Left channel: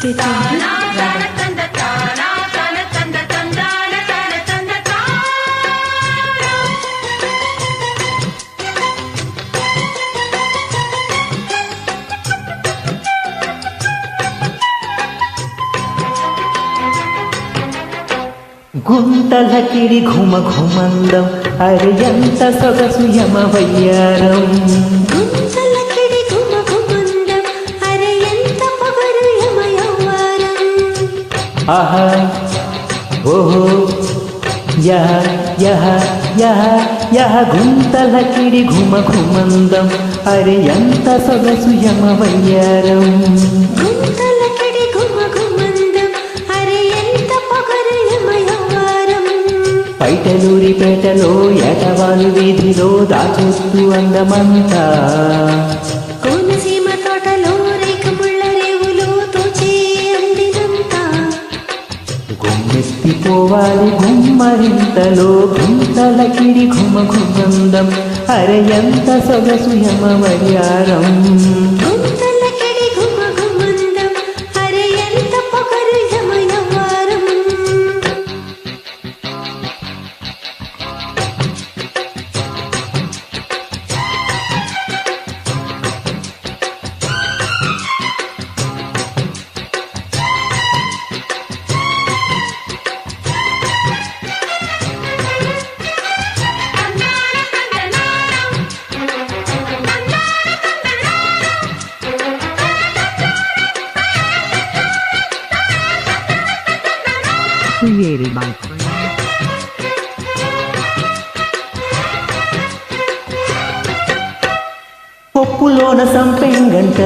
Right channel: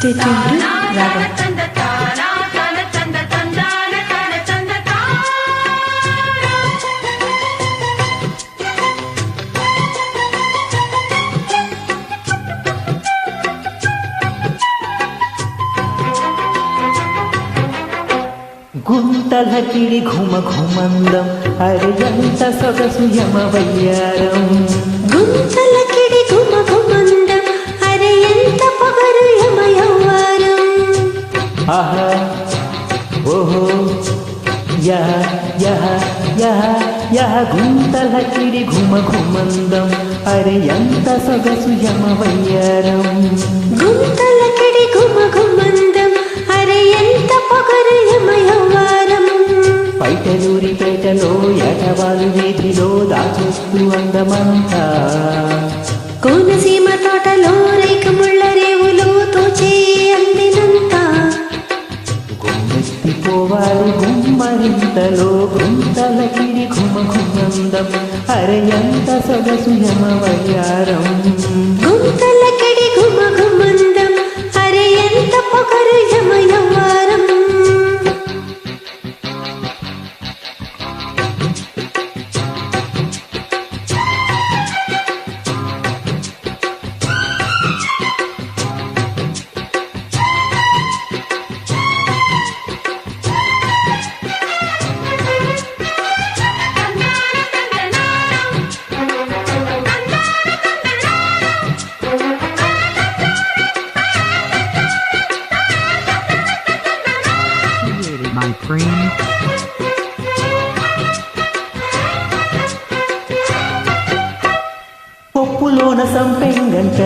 Stay tuned to Ragam. గుంతలకిడి ఘుమ ఘుమందం Ariyanta సొగసు యమవయ్యారం. గుంతలకిడి ఘుమ ఘుమందం అరియంత పొగరు యమయవ్వారం. ఆహా ఓహో యహ యహ యహ యహ గుంతలకిడి ఘుమ ఘుమందం అరియంత సొగసు యమవయ్యారం. గుంతలకిడి ఘుమ ఘుమందం అరియంత పొగరు యమయవ్వారం. పైటలూరిపేటలో ఏటవాలు వీధిలో దాచొద్దు అందమంతా. కోనసీమ తోటలో రేఖముళ్ళ రేవులో తోచే అందినంత. గుమ్మెత్తిపోవాలి గుమ్మరింతలో గుంతలకిడి ఘుమ ఘుమందం అరయంత సొగసు యమవయ్యారం. గుంతలకిడి ఘుమ ఘుమందం అరియంత పొగరు యమయవ్వారం. Created by Frame. పప్పులోన సంపెంగంట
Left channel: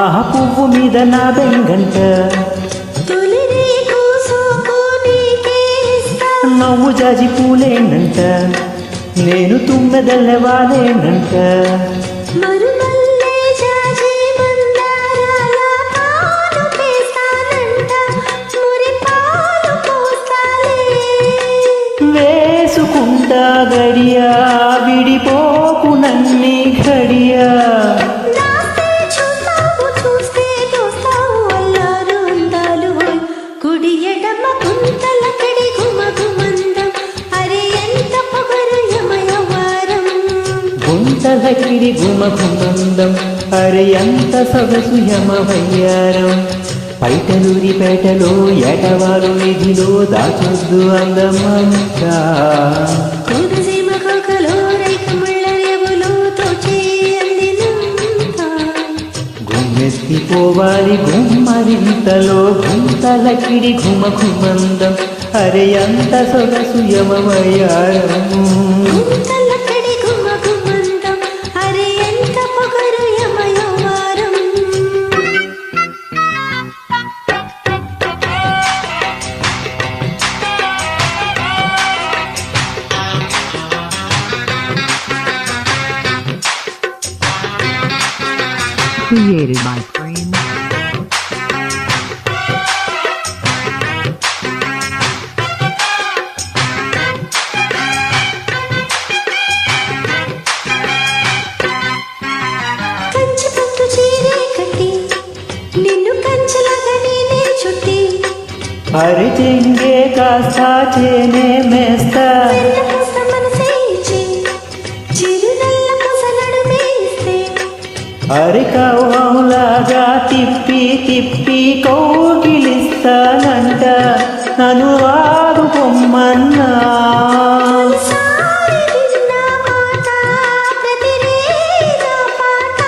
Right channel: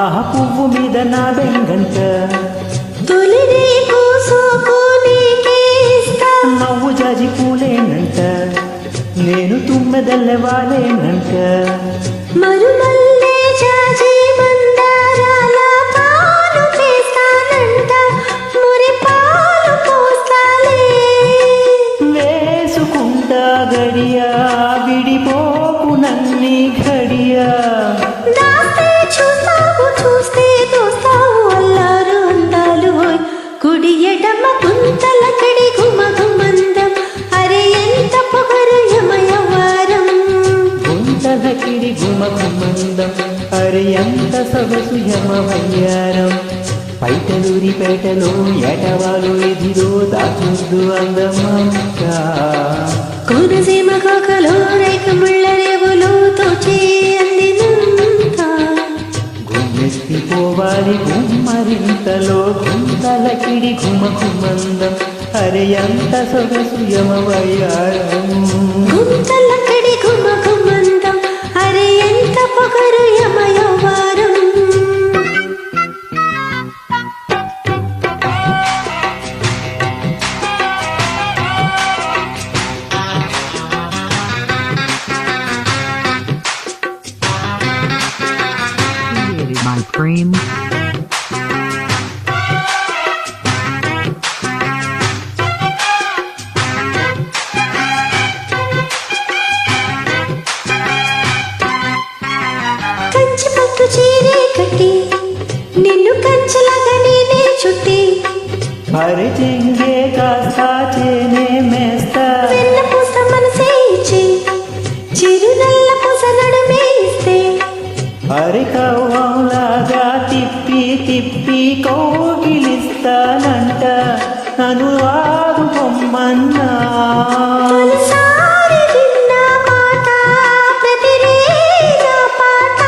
ఆహ పువ్వు మీద నా బెంగంట. తొలి నీకు సోకు నీకే ఇస్తా. నవ్వు జాజి పూలేనంట నేను తుమ్మెదల్లవాలేనంట. మరుమల్లే జాజి మందారాల పాలు పేస్తానంట. మురి పాలు పోస్తాలే. వేసుకుంటా గడియా విడిపోకు నన్ని ఘడియా. దాస్తే చూస్తావు చూస్తే దోస్తావు అల్లారు అందాలు హోయ్. కుడి ఎడమ గుంతలకిడి ఘుమ ఘుమందం అరే ఎంత పొగరు యమయవ్వారం. గుంతలకిడి ఘుమ ఘుమందం అరయంత సొగసు యమవయ్యారం. పైటలూరిపేటలో ఏటవాలు వీధిలో దాచొద్దు అందమంతా. కోనసీమ కోకలో రేఖముళ్ళ రేవులో తోచే అందినంత. గుమ్మెత్తిపోవాలి గుమ్మరింతలో గుంతలకిడి ఘుమ ఘుమందం అరయంత సొగసు యమవయ్యారం. గుంతలకిడి ఘుమ ఘుమందం అరే ఎంత పొగరు యమయవ్వారం. Created by Frame. కంచి పట్టు చీరే కట్టి నిన్ను కంచలాగా నేనే చుట్టి. అరి చెంగే కాస్తా చేనే మేస్తా. వెన్న పూస మనసే ఇచ్చి చిరునల్ల పూస నడుమే ఇస్తే. అరికవ్వంలాగా తిప్పి తిప్పి కౌగిలిస్తానంట నన్ను వాదు పొమ్మన్నా. తొలిసారి విన్న మాట ప్రతిరే నా పాట.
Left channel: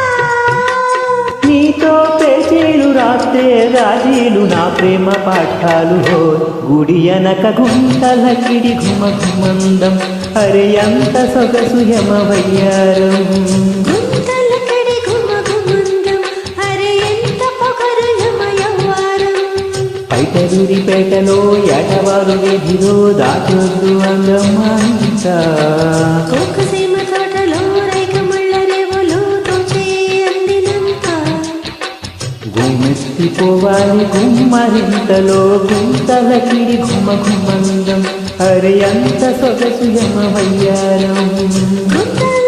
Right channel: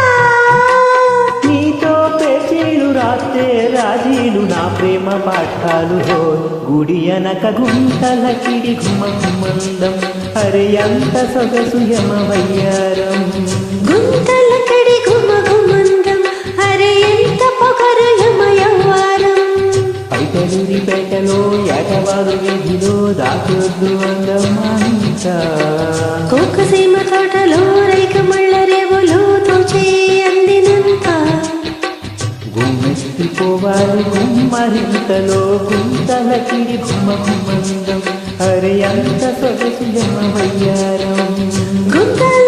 నీతో పేచీలు రాస్తే రాజీలు నా ప్రేమ పాఠాలు హోయ్. గుడి అనక గుంతలకిడి ఘుమ ఘుమందం అరయంత సొగసు యమవయ్యారం. గుంతలకిడి ఘుమ ఘుమందం అరే ఎంత పొగరు యమయవ్వారం. పైటలూరిపేటలో ఏటవాలు వీధిలో దాచొద్దు అందమంతా. కోకసీమ తోటలో రేఖముళ్ళ రేవులో తోచే అందినంత. గుమ్మెత్తిపోవాలి గుమ్మరింతలో గుంతలకిడి ఘుమ ఘుమందం అరయంత సొగసు యమవయ్యారం. గుంతల